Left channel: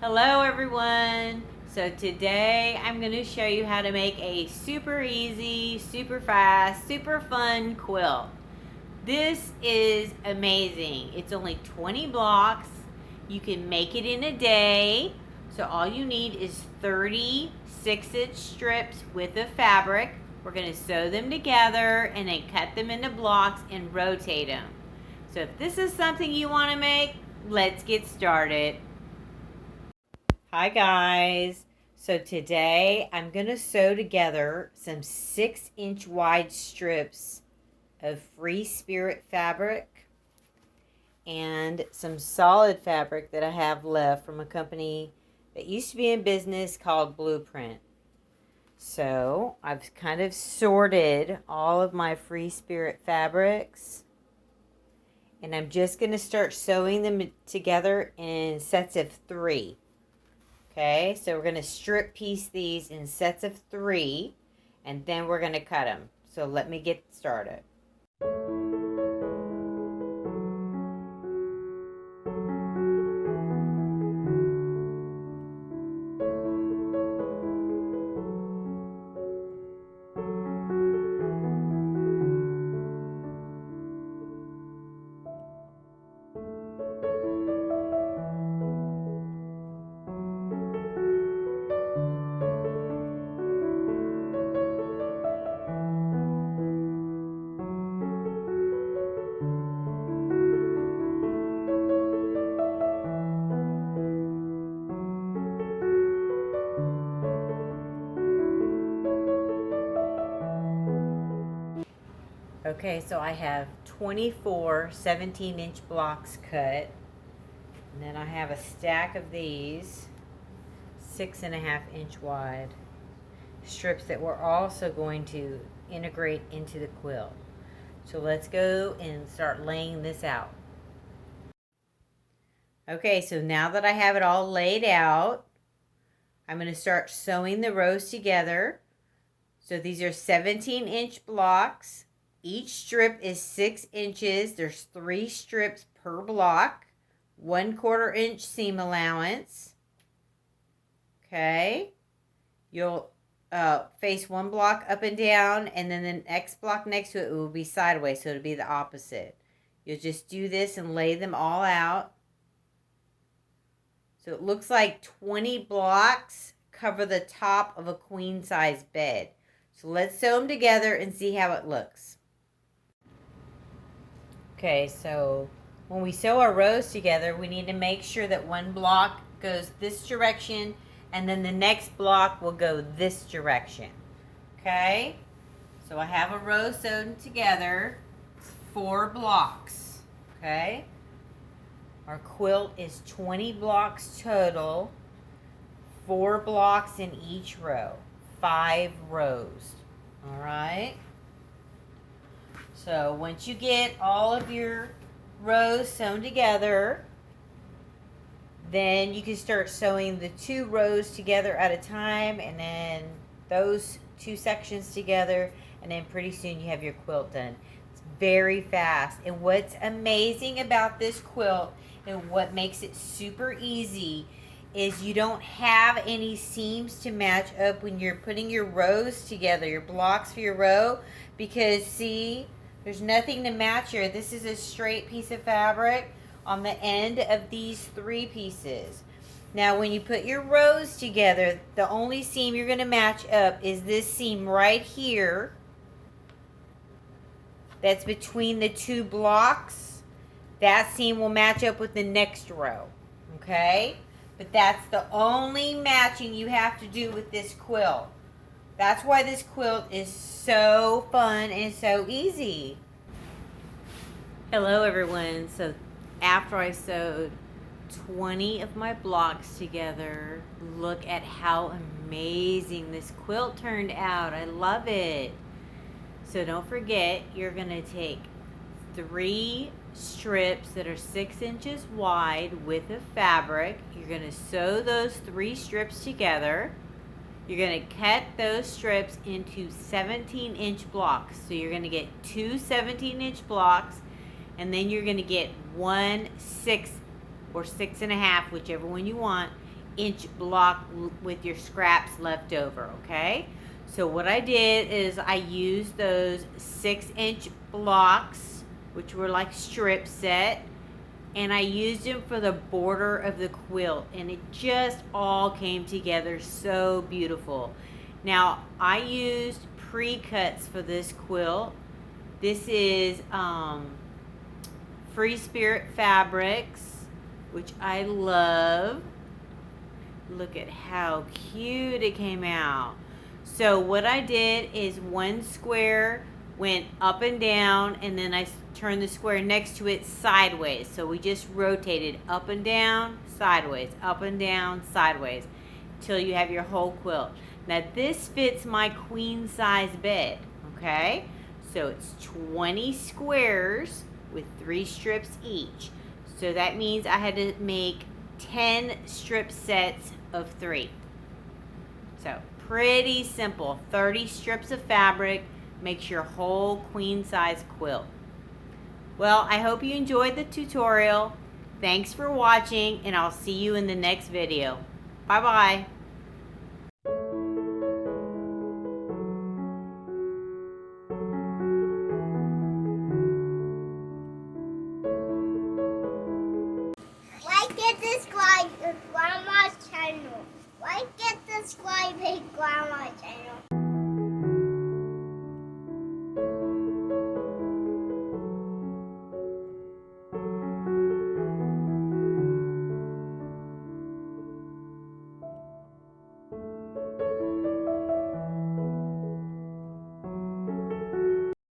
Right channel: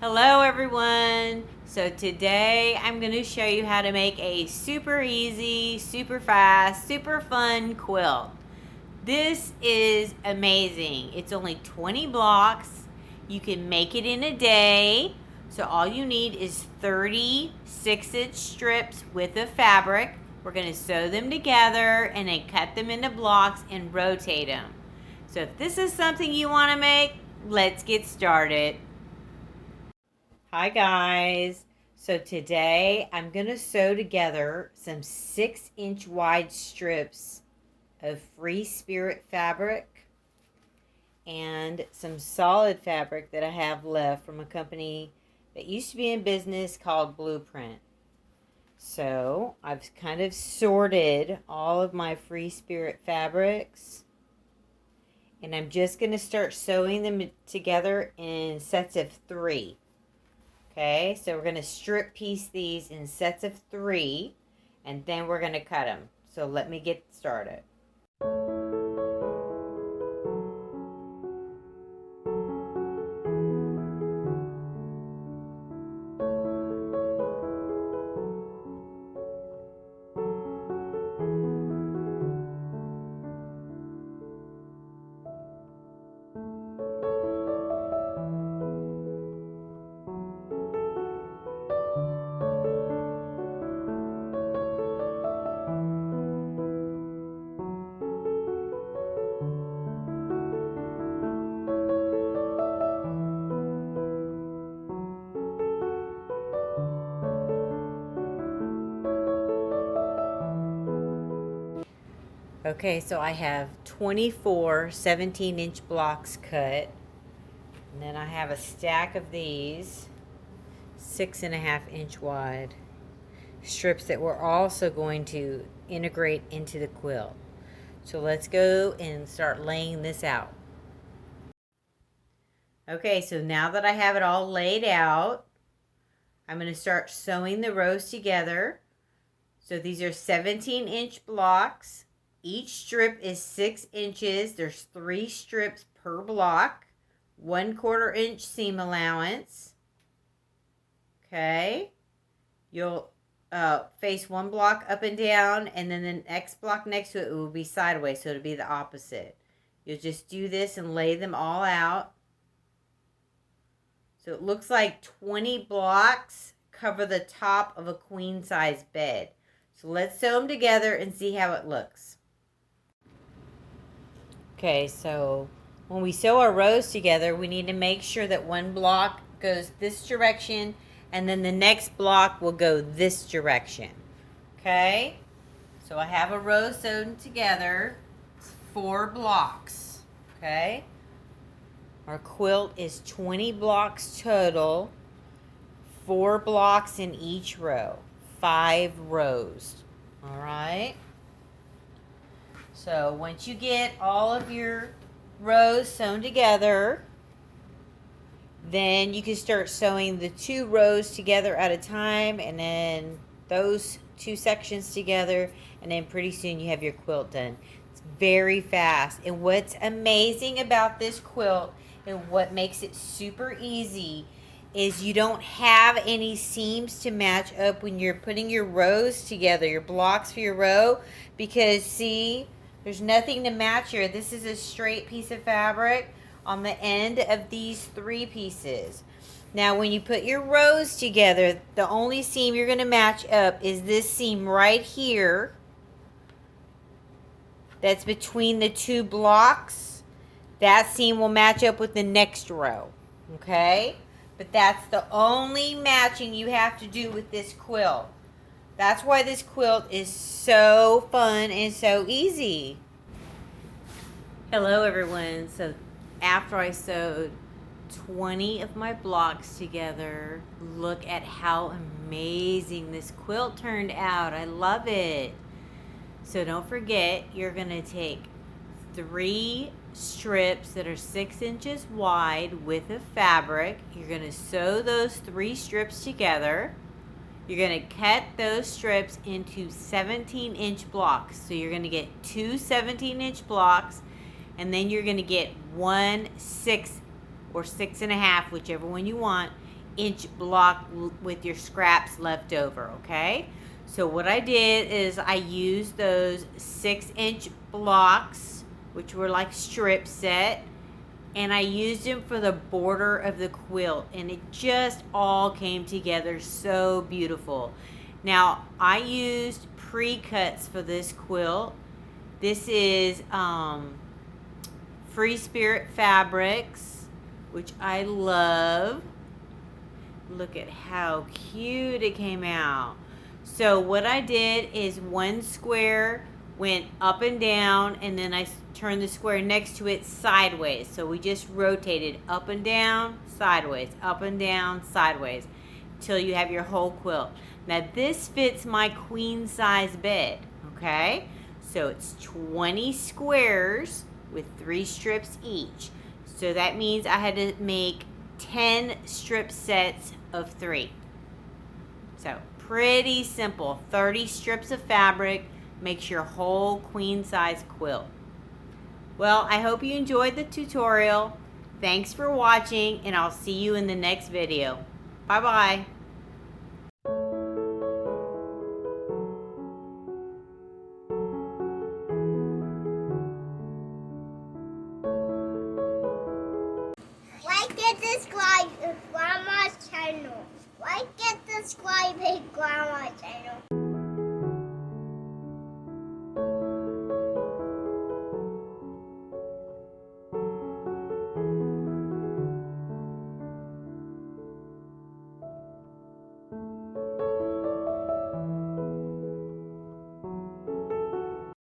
Hello everyone. So today I'm going to show you how to make a super easy, super fast, super fun quilt. This is amazing. It's only 20 blocks. You can make it in a day. So all you need is 30 6-inch strips with the fabric. We're going to sew them together and then cut them into blocks and rotate them. So if this is something you want to make, let's get started. Hi guys. So today I'm going to sew together some 6-inch wide strips of Free Spirit fabric and some solid fabric that I have left from a company that used to be in business called Blueprint. So I've kind of sorted all of my Free Spirit fabrics, and I'm just going to start sewing them together in sets of 3. Okay, so we're going to strip piece these in sets of 3, and then we're going to cut them. So let me get started. Okay, so I have 24 17-inch blocks cut, and then I have a stack of these 6.5-inch wide strips that we're also going to integrate into the quilt. So let's go and start laying this out. Okay, so now that I have it all laid out, I'm going to start sewing the rows together. So these are 17-inch blocks. Each strip is 6 inches. There's 3 strips per block. 1/4 inch seam allowance. Okay. You'll face one block up and down, and then the next block next to it will be sideways, so it'll be the opposite. You'll just do this and lay them all out. So it looks like 20 blocks cover the top of a queen size bed. So let's sew them together and see how it looks. Okay, so when we sew our rows together, we need to make sure that one block goes this direction and then the next block will go this direction. Okay, so I have a row sewn together. It's 4 blocks. Okay, our quilt is 20 blocks total, 4 blocks in each row, 5 rows. All right. So once you get all of your rows sewn together, then you can start sewing the 2 rows together at a time, and then those 2 sections together, and then pretty soon you have your quilt done. It's very fast. And what's amazing about this quilt and what makes it super easy is you don't have any seams to match up when you're putting your rows together, your blocks for your row, because see, there's nothing to match here. This is a straight piece of fabric on the end of these 3 pieces. Now when you put your rows together, the only seam you're going to match up is this seam right here that's between the 2 blocks. That seam will match up with the next row. Okay? But that's the only matching you have to do with this quilt. That's why this quilt is so fun and so easy. Hello everyone. So after I sewed 20 of my blocks together, look at how amazing this quilt turned out. I love it. So don't forget, you're going to take 3 strips that are 6 inches wide with a fabric. You're going to sew those 3 strips together. You're going to cut those strips into 17-inch blocks. So you're going to get 2 17-inch blocks, and then you're going to get 1 6 or 6.5, whichever one you want, inch block with your scraps left over, okay? So what I did is I used those 6-inch blocks, which were like strip set, and I used them for the border of the quilt, and it just all came together so beautiful. Now I used pre-cuts for this quilt. This is Free Spirit Fabrics, which I love. Look at how cute it came out. So what I did is one square went up and down, and then I turned the square next to it sideways. So we just rotated up and down, sideways, up and down, sideways, till you have your whole quilt. Now this fits my queen size bed, okay? So it's 20 squares with 3 strips each. So that means I had to make 10 strip sets of 3. So pretty simple. 30 strips of fabric makes your whole queen size quilt. Well, I hope you enjoyed the tutorial. Thanks for watching, and I'll see you in the next video. Bye bye.